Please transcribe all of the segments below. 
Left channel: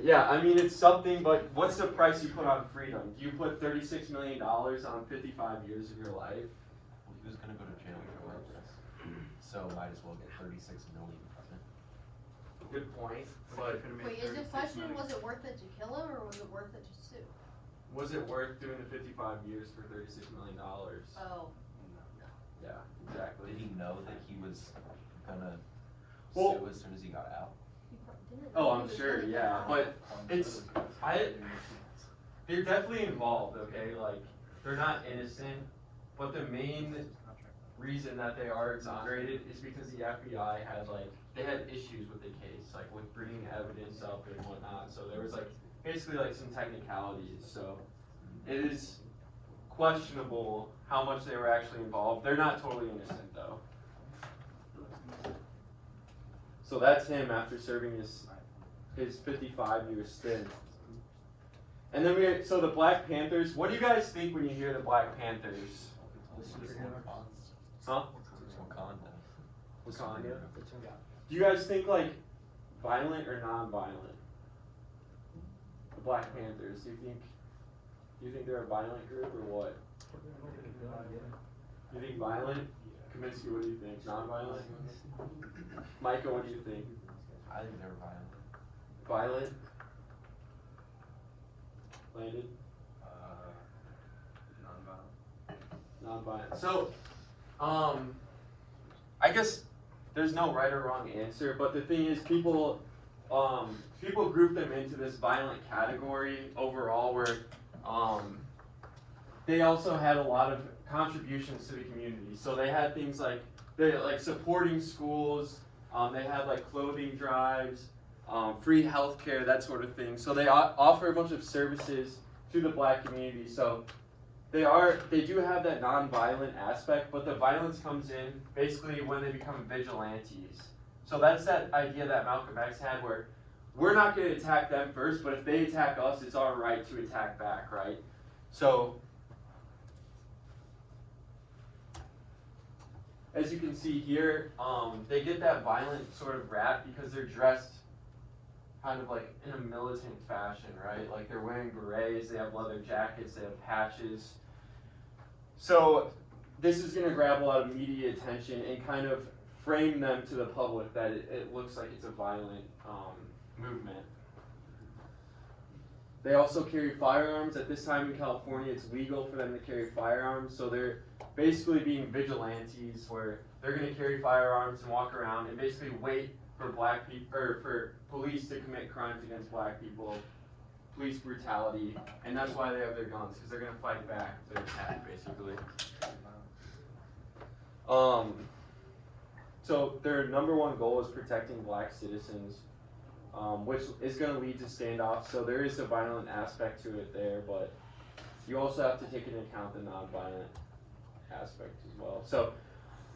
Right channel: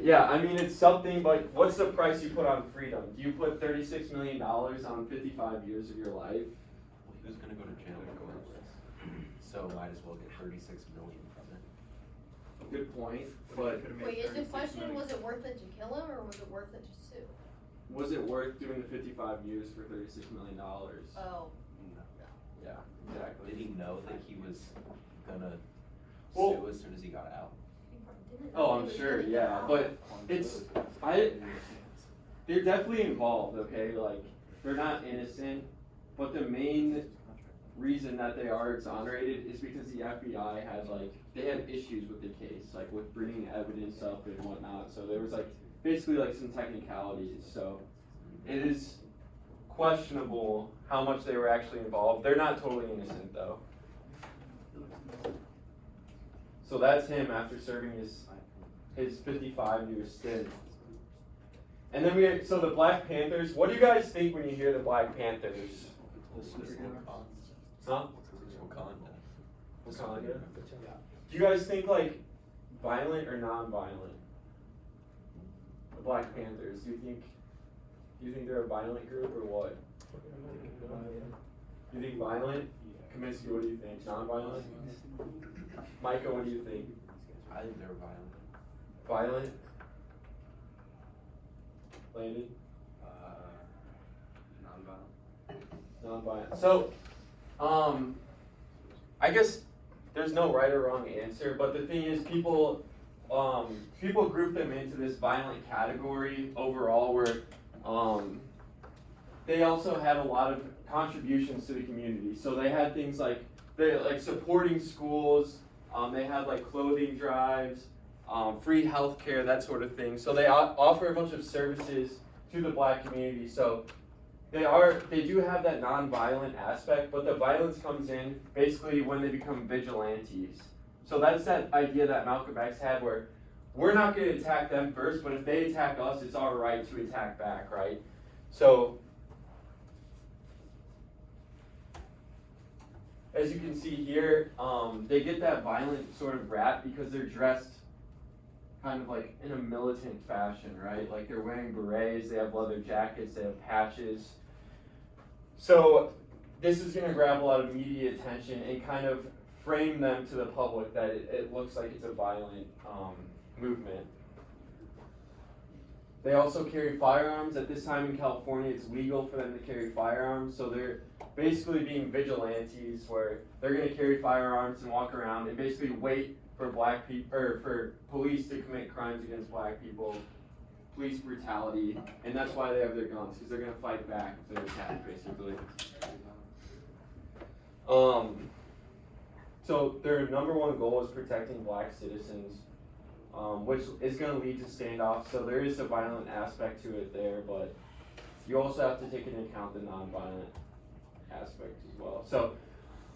Yeah, I mean, it's something, but what's the price you put on freedom? Do you put $36 million on 55 years of your life? Well, he was gonna go to jail regardless, so might as well get 36 million from it. Good point, but Wait, is the question, was it worth it to kill him, or was it worth it to sue? was it worth doing the 55 years for $36 million? Oh, No. Yeah, exactly. Did he know that he was gonna Well- sue as soon as he got out? didn't Oh, know I'm he was sure, gonna yeah, get but out. it's, they're definitely involved, okay, like, they're not innocent, but the main reason that they are exonerated is because the FBI had they had issues with the case, like with bringing evidence up and whatnot, so there was basically some technicalities, so it is questionable how much they were actually involved. They're not totally innocent though. So that's him after serving his 55-year stint. And then so the Black Panthers, what do you guys think when you hear the Black Panthers? Huh? Wakanda. Do you guys think violent or non-violent? The Black Panthers. Do you think they're a violent group or what? You think violent? Kaminsky, what do you think? Non-violent? Micah, what do you think? I think they're violent. Violent? Landon? Non-violent. So, I guess there's no right or wrong answer, but the thing is, people group them into this violent category overall, where they also had a lot of contributions to the community. So they had things like supporting schools. They had clothing drives, free healthcare, that sort of thing. So they offer a bunch of services to the Black community. So they do have that non-violent aspect, but the violence comes in basically when they become vigilantes. So that's that idea that Malcolm X had, where we're not going to attack them first, but if they attack us, it's our right to attack back, right? So as you can see here, they get that violent sort of rap because they're dressed kind of in a militant fashion, right? Like they're wearing berets, they have leather jackets, they have patches. So this is going to grab a lot of media attention and kind of frame them to the public that it looks like it's a violent movement. They also carry firearms. At this time in California, it's legal for them to carry firearms, so they're basically being vigilantes, where they're going to carry firearms and walk around and basically wait for Black people or for police to commit crimes against Black people, police brutality, and that's why they have their guns, because they're going to fight back if they're attacked, basically. So their number one goal is protecting Black citizens, which is going to lead to standoffs. So there is a violent aspect to it there, but you also have to take into account the non-violent aspect as well. So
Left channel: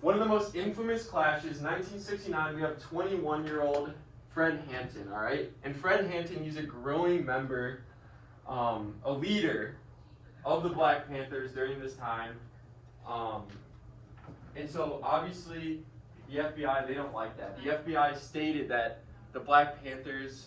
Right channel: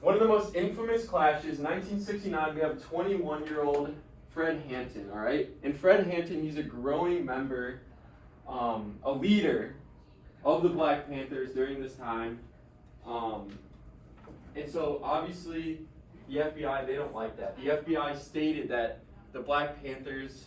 one of the most infamous clashes, 1969, we have 21-year-old Fred Hampton, all right? And Fred Hampton, he's a growing member, a leader of the Black Panthers during this time. And so obviously the FBI, they don't like that. The FBI stated that the Black Panthers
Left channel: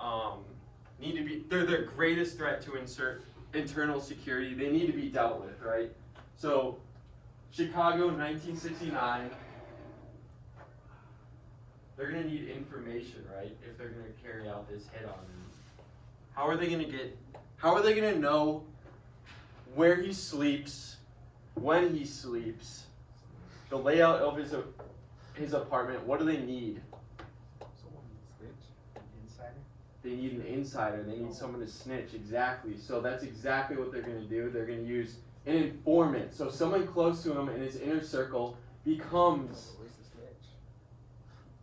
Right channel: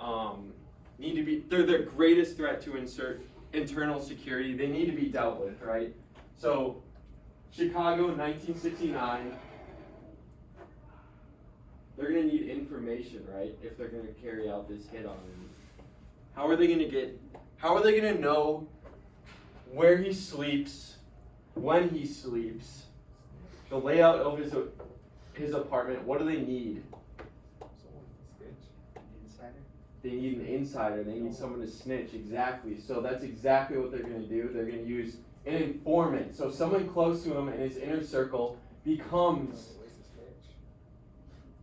they're the greatest threat to internal security. They need to be dealt with, right? So Chicago, 1969, they're going to need information, right, if they're going to carry out this hit on him. How are they going to know where he sleeps, when he sleeps, the layout of his apartment? What do they need? They need an insider. They need someone to snitch. Exactly. So that's exactly what they're going to do. They're going to use an informant. So someone close to him in his inner circle becomes.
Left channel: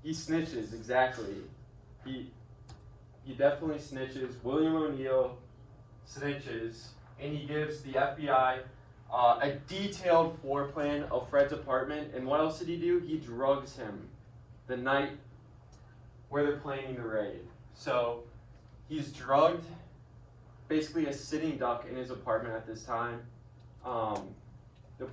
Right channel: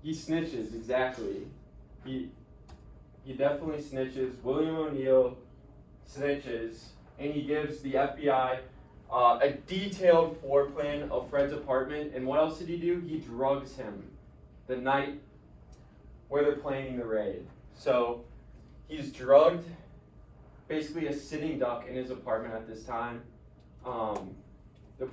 He snitches. Exactly. He definitely snitches. William O'Neill snitches, and he gives the FBI a detailed floor plan of Fred's apartment. And what else did he do? He drugs him the night where they're planning the raid. So he's drugged, basically a sitting duck in his apartment at this time. The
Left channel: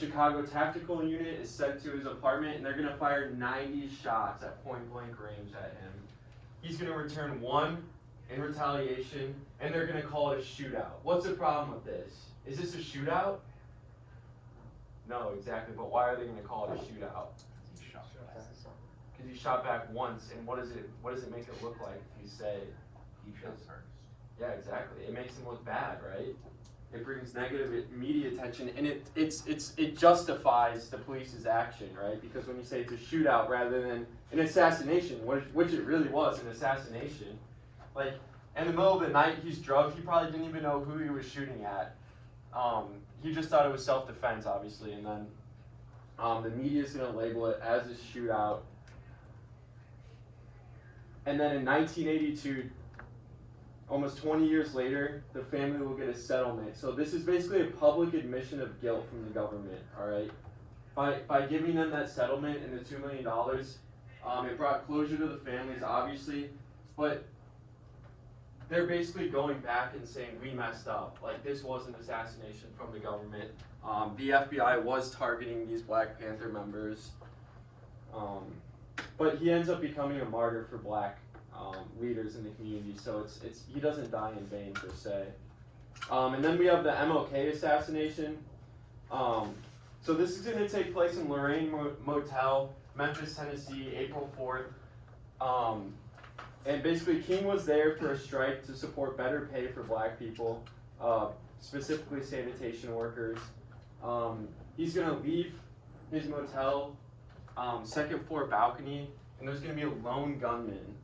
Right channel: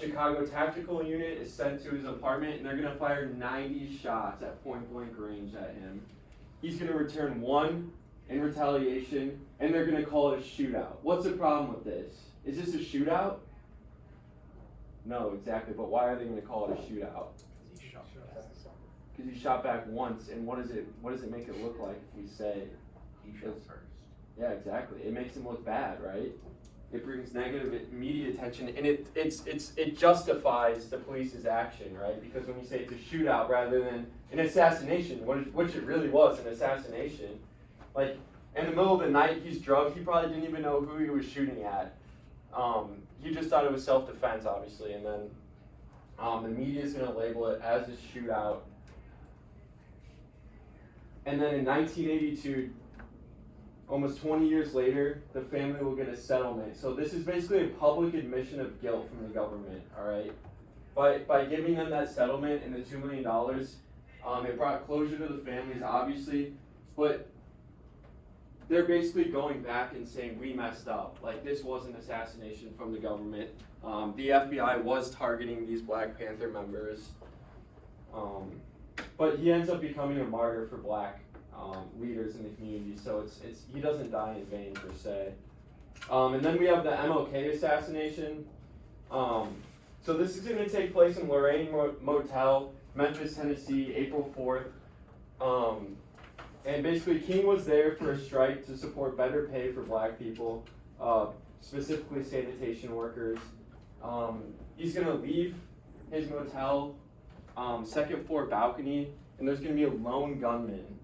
Chicago Tactical Unit is sent to his apartment, and they're going to fire 90 shots at point-blank range at him. He's going to return 1 in retaliation, and they're gonna call it a shootout. What's the problem with this? Is this a shootout? No, exactly, but why are they gonna call it a shootout? Because he shot back. Because he shot back once, and what does it make it look like if we say, He shot first. yeah, exactly, it makes him look bad, right? It brings negative media attention, and it justifies the police's action, right? Because when you say it's a shootout rather than an assassination, which it really was an assassination, like in the middle of the night, he's drugged, he probably didn't even know who he was shooting at. He just thought it was self-defense, obviously, and then the media's gonna label it as a shootout. And then in 1982, almost 20 years later, the family will get a settlement. So this is basically a public admission of guilt from the government, all right? By giving them that settlement and the $2 million, it brought closure to the families, obviously, but they're basically going back and saying, we messed up. Like, this was an assassination from the government. The FBI was targeting these Black Panther members. But he ends up becoming a martyr for Black leaders in the community, so he doesn't die in vain per se. And then we have the MLK assassination. So this is going to take place in Lorraine Motel, Memphis, Tennessee, April 4th. And basically King was there for a strike to support better pay for Black people, specifically sanitation workers. He's going to leave his motel, second floor balcony, and there's going to be a lone gunman.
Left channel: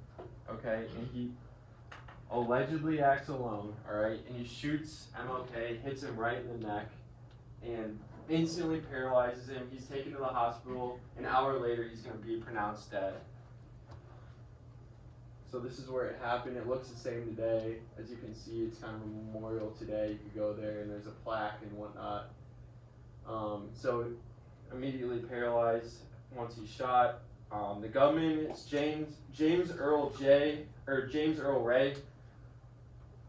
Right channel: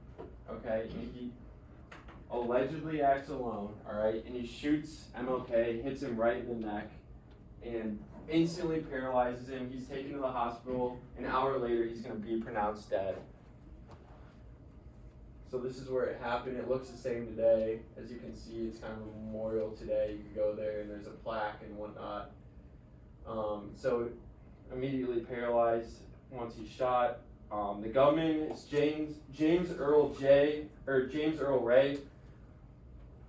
Okay, and he allegedly acts alone, alright, and he shoots MLK, hits him right in the neck, and instantly paralyzes him. He's taken to the hospital. An hour later, he's going to be pronounced dead. So this is where it happened. It looks the same today. As you can see, it's kind of a memorial today. You could go there and there's a plaque and whatnot. So immediately paralyzed once he's shot. The gunman is James Earl Ray.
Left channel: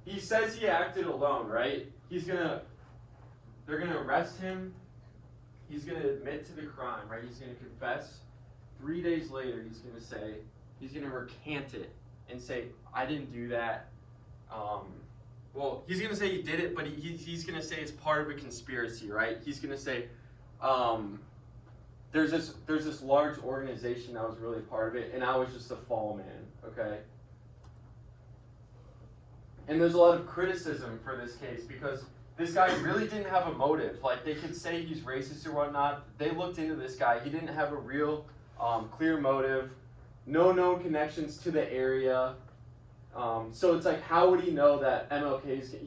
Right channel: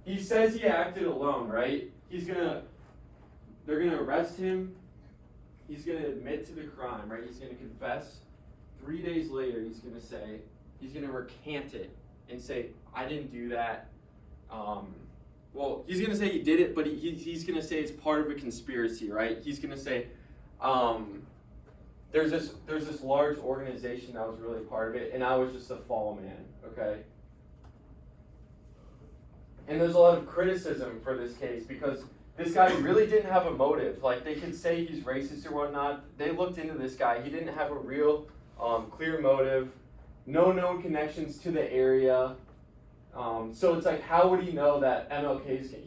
He says he acted alone, right? They're gonna arrest him. He's gonna admit to the crime, right? He's gonna confess. 3 days later, he's gonna recant it and say, I didn't do that. Well, he's gonna say he did it, but he's gonna say it's part of a conspiracy, right? He's gonna say, there's this large organization that was really part of it, and I was just a fall man, okay? And there's a lot of criticism for this case because this guy really didn't have a motive. Like, they could say he's racist or whatnot. They looked into this guy. He didn't have a real clear motive, no known connections to the area. So it's like, how would he know that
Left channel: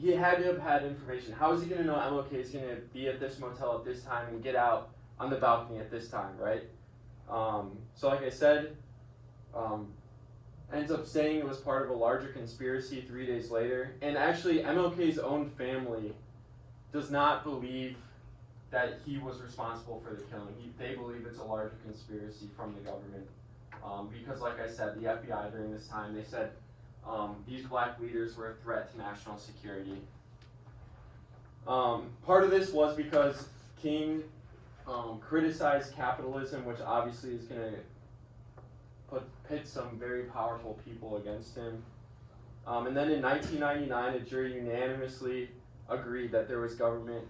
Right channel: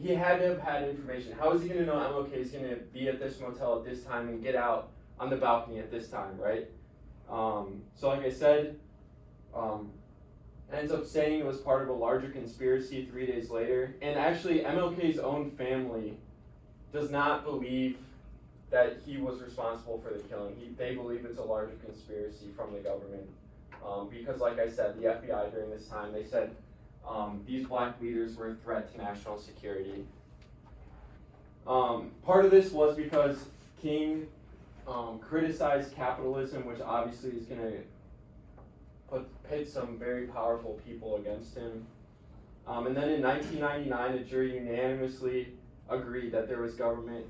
he had to have had information. How is he gonna know MLK is gonna be at this motel at this time and get out on the balcony at this time, right? So like I said, ends up saying it was part of a larger conspiracy 3 days later. And actually, MLK's own family does not believe that he was responsible for the killing. They believe it's a larger conspiracy from the government. Because like I said, the FBI during this time, they said these Black leaders were a threat to national security. Part of this was because King criticized capitalism, which obviously is going to pit some very powerful people against him. And then in 1999, a jury unanimously agreed that there was government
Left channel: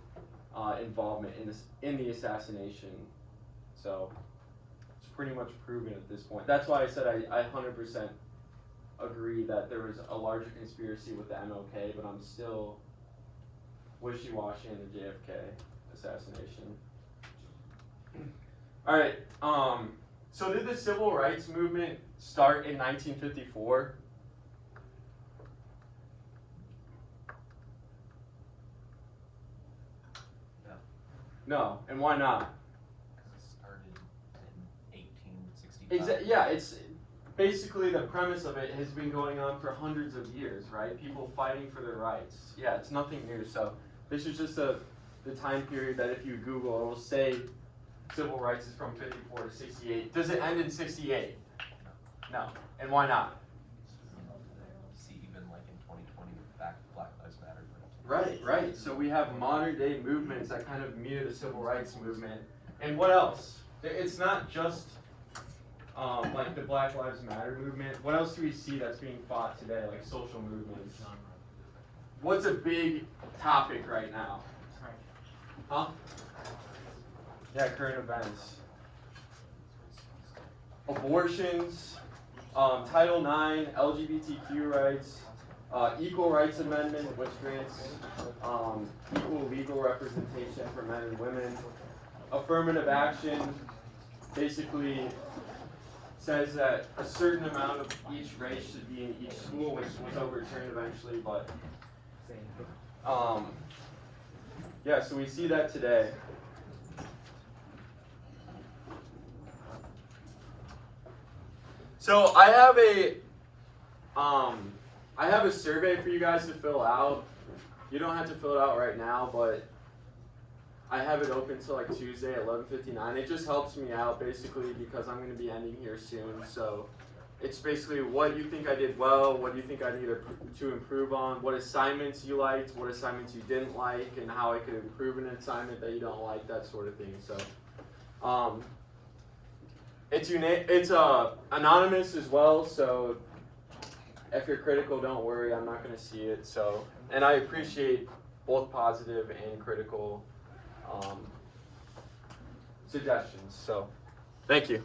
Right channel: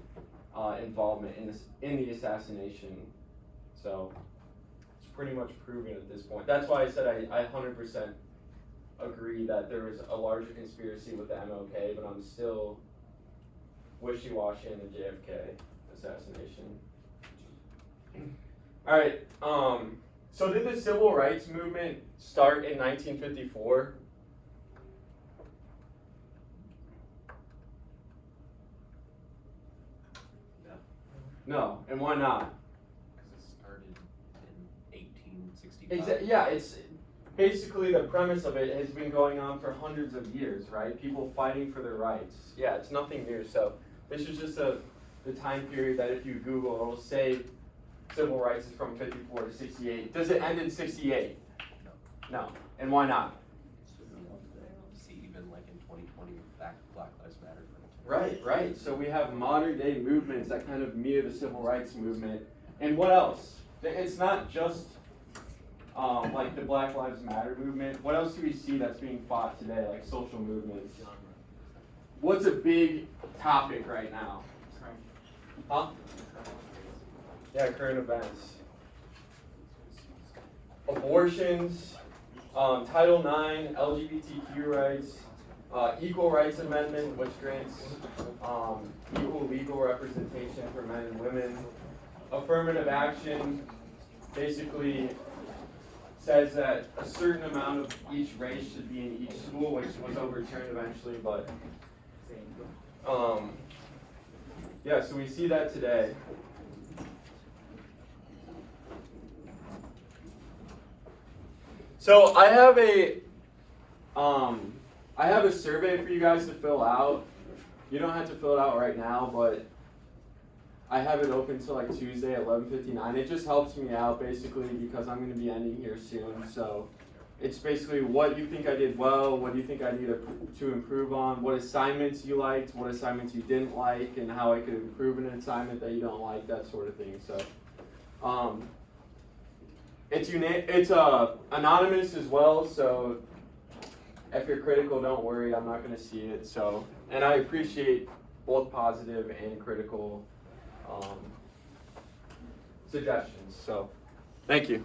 involvement in the assassination. So it's pretty much proven at this point. That's why I said I 100% agree that there was a larger conspiracy with the MLK, but I'm still wishy-washy in the JFK assassination. All right. So did the civil rights movement start in 1954? No, and why not? Because it started in 1865. Yeah, it's basically the premise of it has been going on for hundreds of years, right? People fighting for their rights. Yeah, it's nothing new. So this is just the time period that if you Google, it will say civil rights is from 54 to 68. Does it end in 68? No. And why not? See, even like in 2020 with Black Lives Matter. Right. So we have modern day movements that kind of mirror the civil rights movement. And what else? It's not just like the Black Lives Matter movement. What else do we see that's being fought today, like social movements? What's a big topic right now? Huh? Yeah, current events. Abortions, Title IX, LGBTQ rights, Equal Rights Amendment, which grants equal legal representation for men and women. Affirmative action basically says that a certain amount of each race should be in each school, which was overturned eventually, but yeah, so we see that today. So I have a survey for you guys to fill out. You don't have to fill it out right now, but I have it open till like Tuesday at 11:59. It just helps me out basically because I'm going to be ending here soon. So it's basically what you think I did well, what do you think I need to improve on, what assignments you liked, what assignments you didn't like, and how I could improve an assignment that you don't like, that sort of thing. So it's anonymous as well, so if you're critical, don't worry, I'm not going to see it. So, and I appreciate both positive and critical suggestions. So, thank you.